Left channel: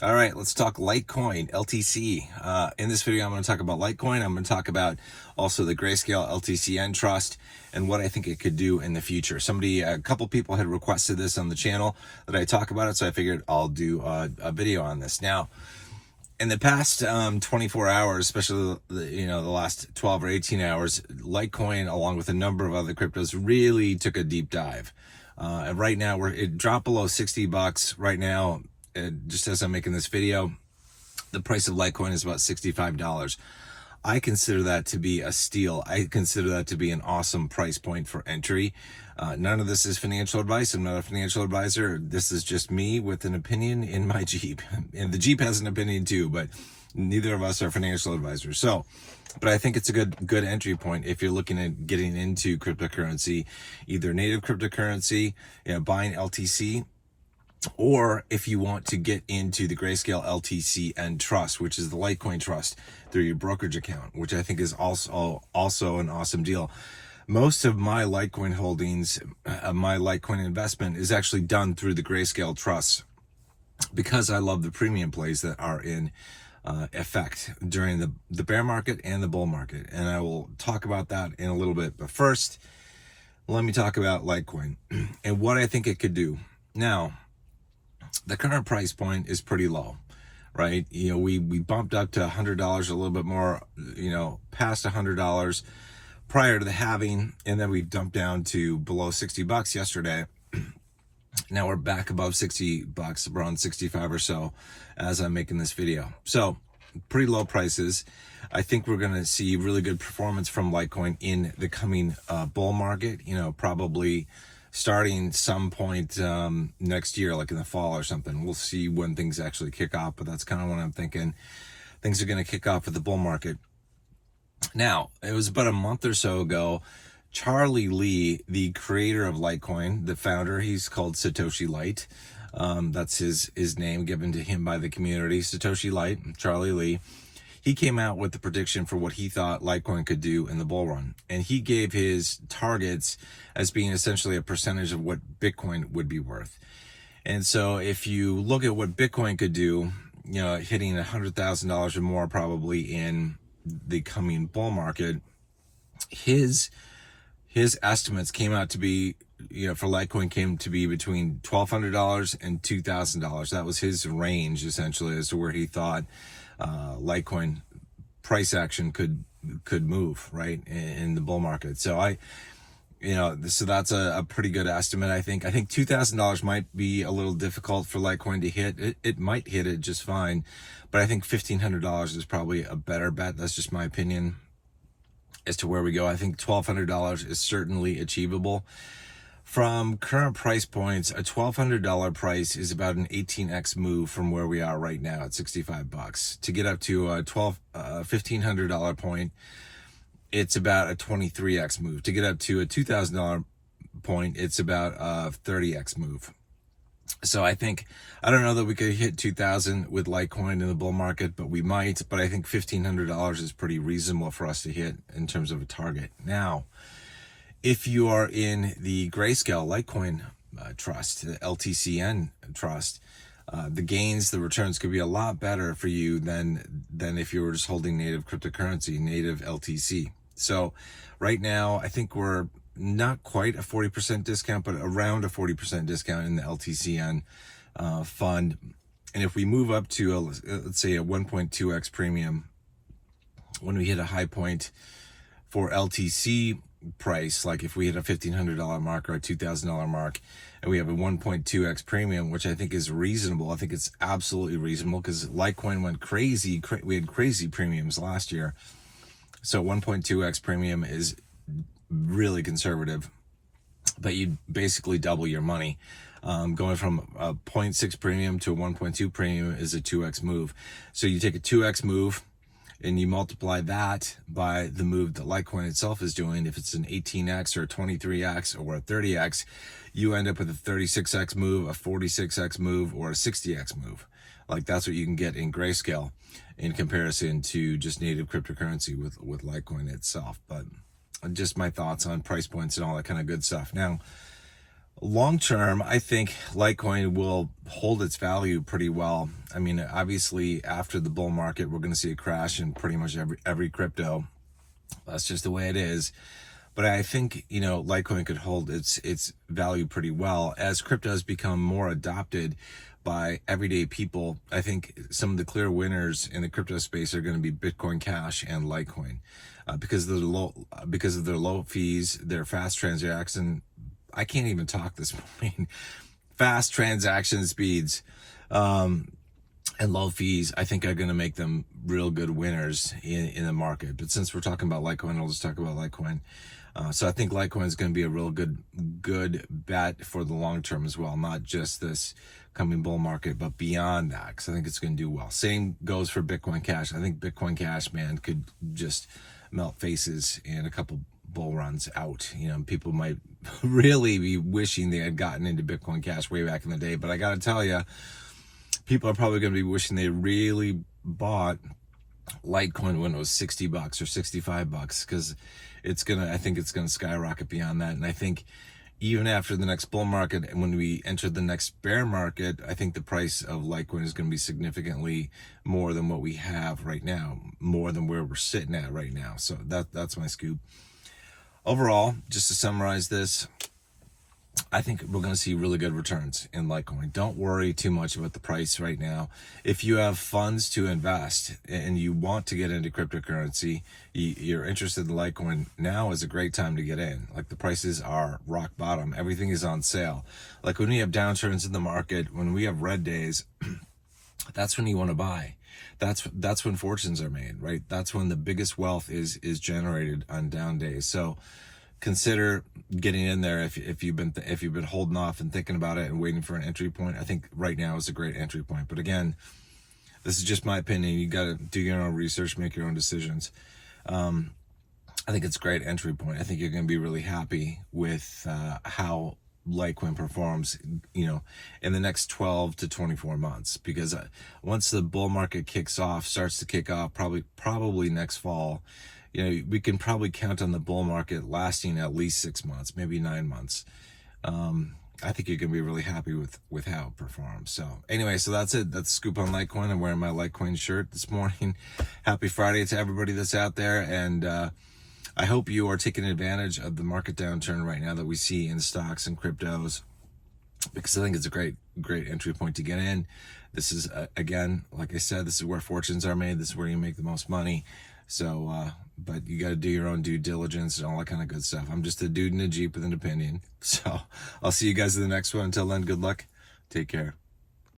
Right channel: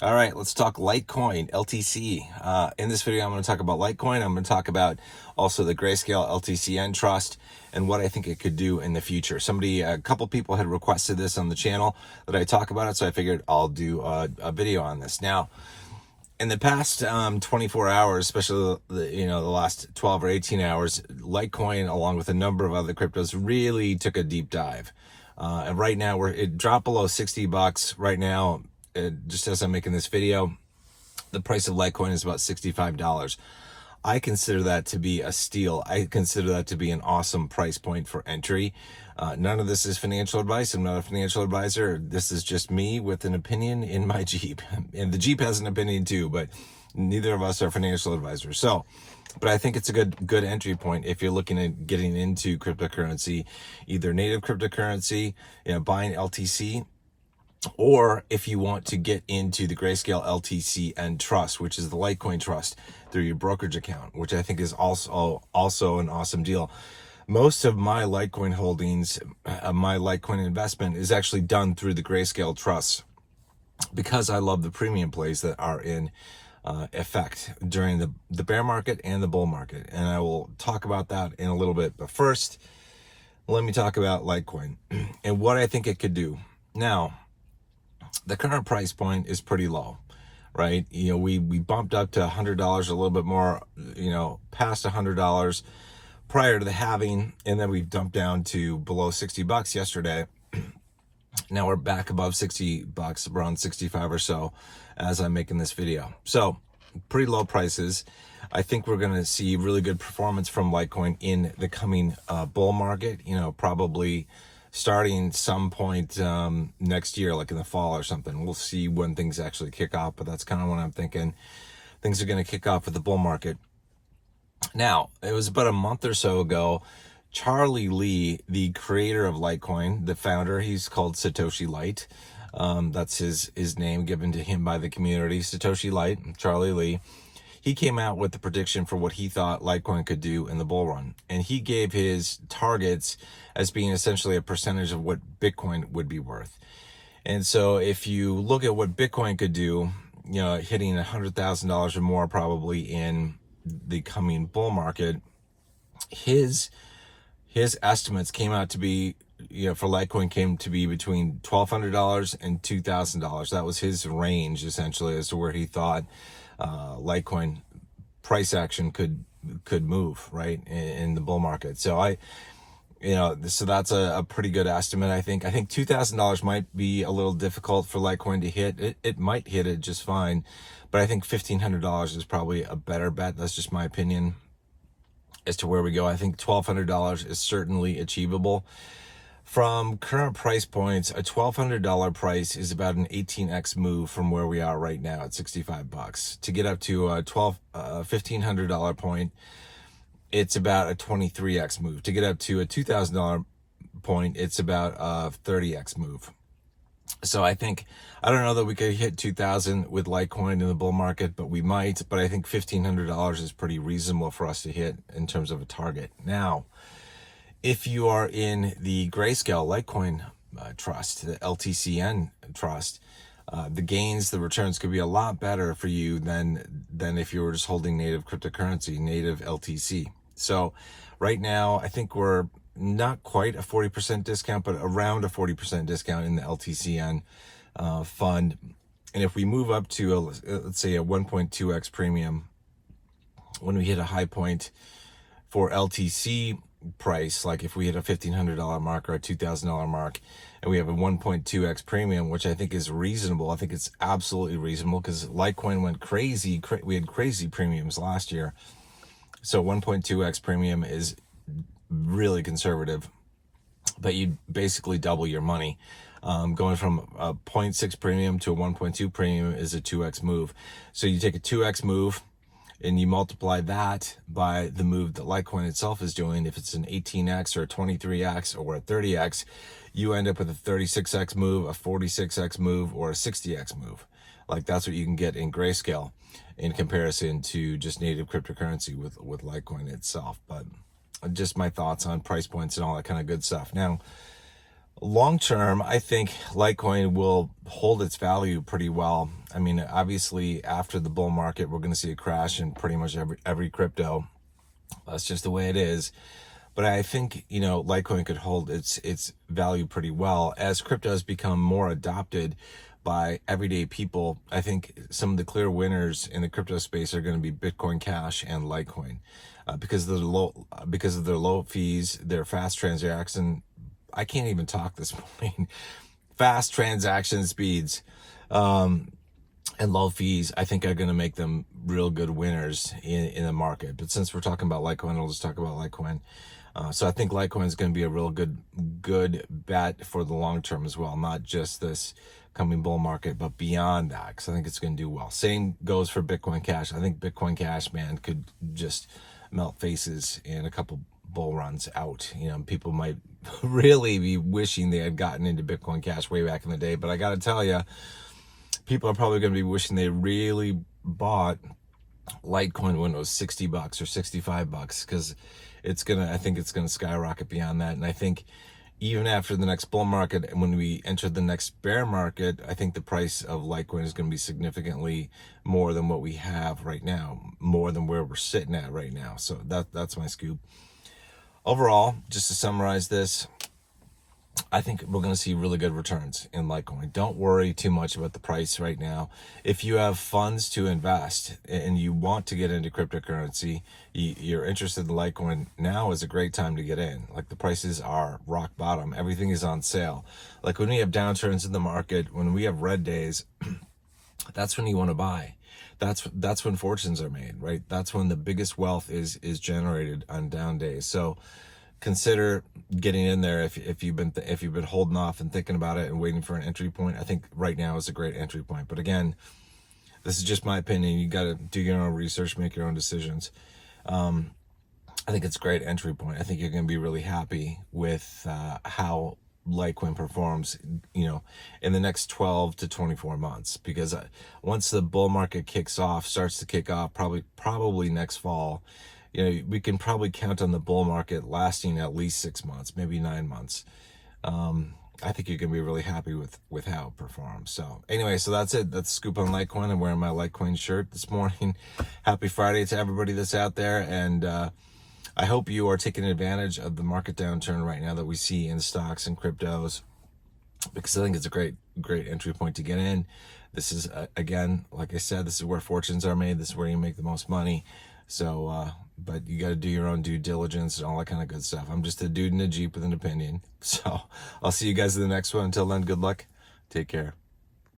All right, let's talk Litecoin LTC. In this video, I'm going to talk about Litecoin. I'm going to talk about also the Grayscale LTCN trust and what I think it could do in the future. A couple people had requested this on the channel that I talk about it, so I figured I'll do a video on this. Now, in the past 24 hours, especially the last 12 or 18 hours, Litecoin, along with a number of other cryptos, really took a deep dive. And right now, it dropped below $60 right now. Just as I'm making this video, the price of Litecoin is about $65. I consider that to be a steal. I consider that to be an awesome price point for entry. None of this is financial advice. I'm not a financial advisor. This is just me with an opinion in my Jeep. And the Jeep has an opinion too, but neither of us are financial advisors. But I think it's a good entry point if you're looking at getting into cryptocurrency, either native cryptocurrency, buying LTC, or if you want to get into the Grayscale LTCN trust, which is the Litecoin trust through your brokerage account, which I think is also an awesome deal. Most of my Litecoin holdings, my Litecoin investment is actually done through the Grayscale trust because I love the premium plays that are in effect during the bear market and the bull market. And I will talk about that in a little bit. But first, let me talk about Litecoin and what I think it could do. Now, the current price point is pretty low, right? We bumped up to $100, a little bit more, past $100 prior to the halving, and then we dumped down to below $60 yesterday. Now we're back above $60, around 65 or so, as I'm making this video. So pretty low prices. I think we're going to see really good performance from Litecoin in the coming bull market, probably starting some point next year, like in the fall or something. We'll see when things actually kick off, but that's kind of what I'm thinking. Things are going to kick off with the bull market. Now, it was about a month or so ago, Charlie Lee, the creator of Litecoin, the founder, he's called Satoshi Light. That's his name given to him by the community, Satoshi Light, Charlie Lee. He came out with the prediction for what he thought Litecoin could do in the bull run. And he gave his targets as being essentially a percentage of what Bitcoin would be worth. And so if you look at what Bitcoin could do, hitting $100,000 or more probably in the coming bull market, his estimates came out to be, for Litecoin came to be between $1,200 and $2,000. That was his range essentially as to where he thought Litecoin price action could move right in the bull market. So so that's a pretty good estimate. I think $2,000 might be a little difficult for Litecoin to hit. It might hit it just fine, but I think $1,500 is probably a better bet. That's just my opinion as to where we go. I think $1,200 is certainly achievable. From current price points, a $1,200 price is about an 18x move from where we are right now at $65. To get up to a $1,500 point, it's about a 23x move. To get up to a $2,000 point, it's about a 30x move. So I don't know that we could hit 2,000 with Litecoin in the bull market, but we might. But I think $1,500 is pretty reasonable for us to hit in terms of a target. Now, if you are in the Grayscale Litecoin trust, the LTCN trust, the returns could be a lot better for you than if you were just holding native cryptocurrency, native LTC. So right now, I think we're not quite a 40% discount, but around a 40% discount in the LTCN fund. And if we move up to, let's say, a 1.2x premium, when we hit a high point for LTC price, like if we hit a $1,500 mark or a $2,000 mark, and we have a 1.2x premium, which I think is reasonable. I think it's absolutely reasonable because Litecoin went crazy. We had crazy premiums last year. So 1.2x premium is really conservative, but you basically double your money. Going from a 0.6 premium to a 1.2 premium is a 2x move. So you take a 2x move and you multiply that by the move that Litecoin itself is doing. If it's an 18x or a 23x or a 30x, you end up with a 36x move, a 46x move, or a 60x move. Like that's what you can get in Grayscale in comparison to just native cryptocurrency with Litecoin itself. But just my thoughts on price points and all that kind of good stuff. Now, Long term, I think Litecoin will hold its value pretty well. I mean, obviously, after the bull market, we're going to see a crash in pretty much every crypto. That's just the way it is. But I think, Litecoin could hold its value pretty well as crypto has become more adopted by everyday people. I think some of the clear winners in the crypto space are going to be Bitcoin Cash and Litecoin, because of their low fees, their fast transaction. I can't even talk this morning. Fast transaction speeds, and low fees, I think, are going to make them real good winners in the market. But since we're talking about Litecoin, I'll just talk about Litecoin. So I think Litecoin is going to be a real good bet for the long term as well, not just this coming bull market, but beyond that, because I think it's going to do well. Same goes for Bitcoin Cash. I think Bitcoin Cash, man, could just melt faces in a couple bull runs out. People might really be wishing they had gotten into Bitcoin Cash way back in the day, but I got to tell you, people are probably going to be wishing they really bought Litecoin when it was $60 or $65, because I think it's gonna skyrocket beyond that. And I think even after the next bull market, and when we enter the next bear market, I think the price of Litecoin is going to be significantly more than what we have right now, more than where we're sitting at right now. So that's my scoop. Overall, just to summarize this, I think we're going to see really good returns in Litecoin. Don't worry too much about the price right now. If you have funds to invest and you want to get into cryptocurrency, you're interested in Litecoin, now is a great time to get in. Like, the prices are rock bottom. Everything is on sale. Like, when we have downturns in the market, when we have red days, that's when you want to buy. That's when fortunes are made, right? That's when the biggest wealth is generated on down days. So consider getting in there if you've been holding off and thinking about it and waiting for an entry point. I think right now is a great entry point. But again, this is just my opinion. You got to do your own research, make your own decisions. I think it's a great entry point. I think you're going to be really happy with how Litecoin performs, in the next 12 to 24 months, because once the bull market starts to kick off, probably next fall, we can probably count on the bull market lasting at least 6 months, maybe 9 months. I think you're going to be really happy with how it performs. So anyway, so that's it. That's the scoop on Litecoin. I'm wearing my Litecoin shirt this morning. Happy Friday to everybody that's out there. And I hope you are taking advantage of the market downturn right now that we see in stocks and cryptos, because I think it's a great entry point to get in. This is, again, like I said, this is where fortunes are made. This is where you make the most money. So, but you got to do your own due diligence and all that kind of good stuff. I'm just a dude in a Jeep with an opinion. So I'll see you guys in the next one. Until then, good luck. Take care.